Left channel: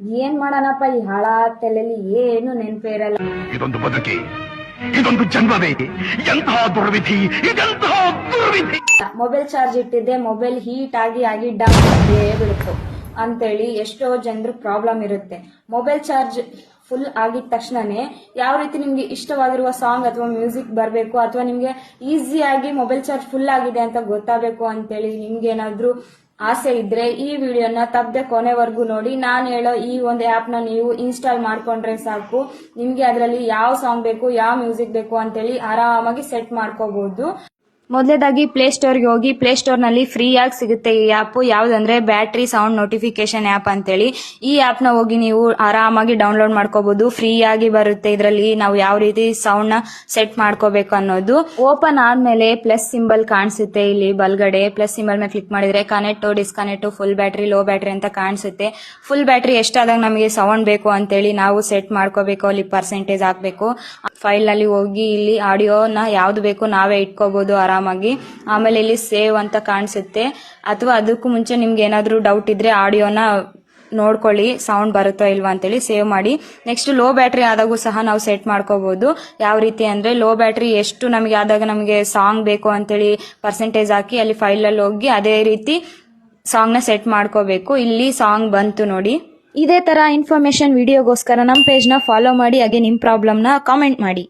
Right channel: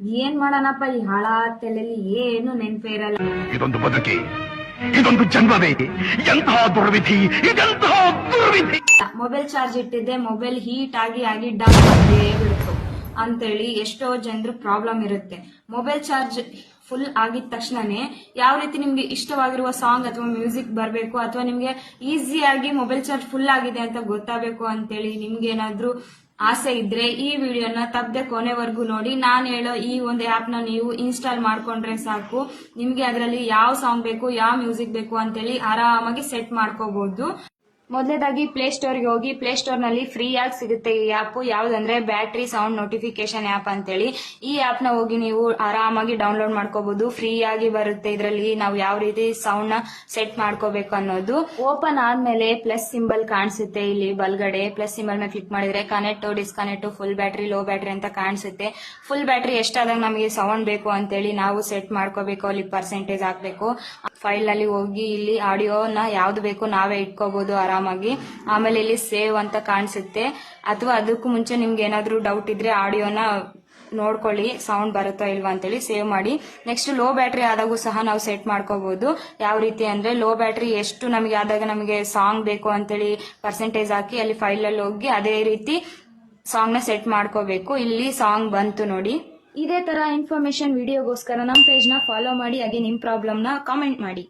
ಏನ್ ಮಾಡೋಣಪ್ಪ, ಈ ಹಾಳ ತಲೆಯಲ್ಲಿ ಏನು ನೆನಪೇ ಇರಲ್ಲ. ಇದೊಂದು ಬದುಕಿ, ಇದೊಂದು ಜನ್ಮವೇ, ಎಂತಹ ದುರ್ವಿಧಿ, ಇದೆಂತಹ ದುರ್ವಿಧಿ. ಮೊಬೈಲ್ ಚಾರ್ಜ್ ಇಟ್ಟಿದ್ದೆ, ಮೊಬೈಲ್ ಹೀಟ್ ಆಗಿ ಡೌನ್ ಬಿಡ್ತು ಅಂತೇಳಿ ಎಷ್ಟೋ ಜನರು ಪ್ರಾಬ್ಲಮ್ ಇರುತ್ತೆ. ಮೊಬೈಲ್ ಚಾರ್ಜ್ ಫುಲ್ ಆಗಿದ ತಕ್ಷಣನೇ ಯಾವ ರೀತಿ ನಿಮ್ಗೆ ಇಷ್ಟವಾಗಿರುವ ಸಾಂಗ್ ಅಥವಾ ಮ್ಯೂಸಿಕ್ ಬರಬೇಕು ಅಥವಾ ನಿಮ್ಗೆ ಈಸಿಯಾಗಿ ಮೊಬೈಲ್ ಚಾರ್ಜ್ ಫುಲ್ ಆಗಿದೆ ಅಂತ ಗೊತ್ತಾಗಬೇಕು ಅಂತೇಳಿ ನಿಮ್ಗೆ ಏನಾದ್ರೂ ಆಸೆ ಇದ್ರೆ ಈ ವಿಡಿಯೋನ ತಪ್ಪದೆ ಕೊನೆವರೆಗೂ ನೋಡಿ. ನಾನು ಹೇಳೋ ಈ ಒಂದು ಆಪ್ ನ ನೀವು ಇನ್ಸ್ಟಾಲ್ ಮಾಡ್ಕೊಂಡ್ರೆ ಸಾಕು, ನಿಮ್ಗೆ ಅದರಲ್ಲಿ ಯಾವ ಸಾಂಗ್ ಬೇಕು, ಯಾವ ಮ್ಯೂಸಿಕ್ ಬೇಕು ಅಂತೇಳಿ ಆರಾಮಾಗಿ ಸೆಟ್ ಮಾಡ್ಕೋಬಹುದು. ಮೊದಲೇದಾಗಿ ಪ್ಲೇ ಸ್ಟೋರ್ಗೆ ಹೋಗಿ, ಪ್ಲೇ ಸ್ಟೋರ್ ನಲ್ಲಿ ಫ್ರೀ ಆಗಿ ಸಿಗುತ್ತೆ ಈ ಆಪ್. ಯಾವ್ದಂದ್ರೆ ಬ್ಯಾಟ್ರಿ ಸೌಂಡ್ ನೋಟಿಫಿಕೇಶನ್ ಆಪ್ ಅಂತೇಳಿ. ಈ ಆಪ್ ನ ಹೋಗಿ ನೀವು ಆರಾಮಾಗಿ ಡೌನ್ಲೋಡ್ ಮಾಡ್ಕೋಬಹುದು. ಫ್ರೀ ಆಗಿ ಬರುತ್ತೆ. ಇದರಲ್ಲಿ ನಾವು ಯಾವ ರೀತಿ ಸೌಂಡ್ ನ ಸೆಟ್ ಮಾಡ್ಕೋಬೇಕು ಅನ್ನೋದು. ಓಪನ್ ಆದ್ಮೇಲೆ ಪ್ಲಸ್ ಸಿಂಬಲ್ ಕಾಣಿಸುತ್ತೆ. ಇಲ್ಲಿ ಬಲ್ಗಡೆ ಪ್ಲಸ್ ಸಿಂಬಲ್ ಮೇಲೆ ಕ್ಲಿಕ್ ಮಾಡಿದ್ರೆ connect, disconnect, full battery, low battery ಅಂತ ಕಾಣಿಸುತ್ತೆ. ಫುಲ್ ಬ್ಯಾಟ್ರಿ ಎಷ್ಟಾದಾಗ ನಮಗೆ ಸೌಂಡ್ ಬೇಕು ಅಂತೇಳಿ ನಾವು ಸೆಟ್ ಮಾಡ್ಕೋಬೇಕು. ಅಲ್ಲಿ ಪರ್ಸೆಂಟೇಜ್ ಹಾಕ್ಬೇಕು. ಫೈಲ್ ನಲ್ಲಿ ಹೋಗಿ ಇಲ್ಲಿ ಆಡಿಯೋನ ಯಾವ್ದು ಬೇಕು ನಾವೇ ಇಟ್ಕೋಬಹುದು ಆರಾಮಾಗಿ. ಆಮೇಲೆ ಇಲ್ಲಿ ಸೇವ್ ಅಂತ ಕಾಣಿಸುತ್ತೆ. ಅಥವಾ ಅದಕ್ಕೂ ಮುಂಚೆ ನಿಮ್ಗೆ ಏನಾದ್ರೂ ಡೌಟ್ ಇದ್ರೆ ಆಡಿಯೋನ ನೋಡ್ಕೊಳ್ಳಿ, ಸೌಂಡ್ ಬರುತ್ತೋ ಇಲ್ವಾ ಅಂತೇಳಿ ಸೇವ್ ಮಾಡಿ. ನೆಕ್ಸ್ಟ್ ಲೋ ಬ್ಯಾಟ್ರಿ ಆದಾಗೂ ಸಹ ನಾವು ಸೆಟ್ ಮಾಡ್ಕೋಬಹುದು. ಯಾವ ರೀತಿ ಅಂದ್ರೆ ಲೋ ಬ್ಯಾಟ್ರಿ ಎಷ್ಟು ನಮಗೆ ಆದಾಗ ನಮಗೆ ಸಾಂಗ್ ಬೇಕು ಅಂತೇಳಿ ಪರ್ಸೆಂಟೇಜ್ ಹಾಕಿ ಅಲ್ಲಿ ಫೈಲ್ ಅಲ್ಲಿ ಹೋಗಿ ಅದೇ ರೀತಿ ಸಾಂಗ್ ನ ಸೆಟ್ ಮಾಡ್ಕೋಬೇಕು. ಇಲ್ಲಿ ಸಾಂಗ್ ಬಂತು ನೋಡಿ. ಇದೇ ತರ ಇನ್ಫಾರ್ಮೇಶನ್ ವಿಡಿಯೋಗೋಸ್ಕರ ನಮ್ಮ ಪೇಜ್ ನ ಫಾಲೋ ಮಾಡಿ. ಹಾಗೆ ನಿಮ್ ಪ್ರಾಬ್ಲಮ್ ನ ಕಾಮೆಂಟ್ ಮಾಡಿ.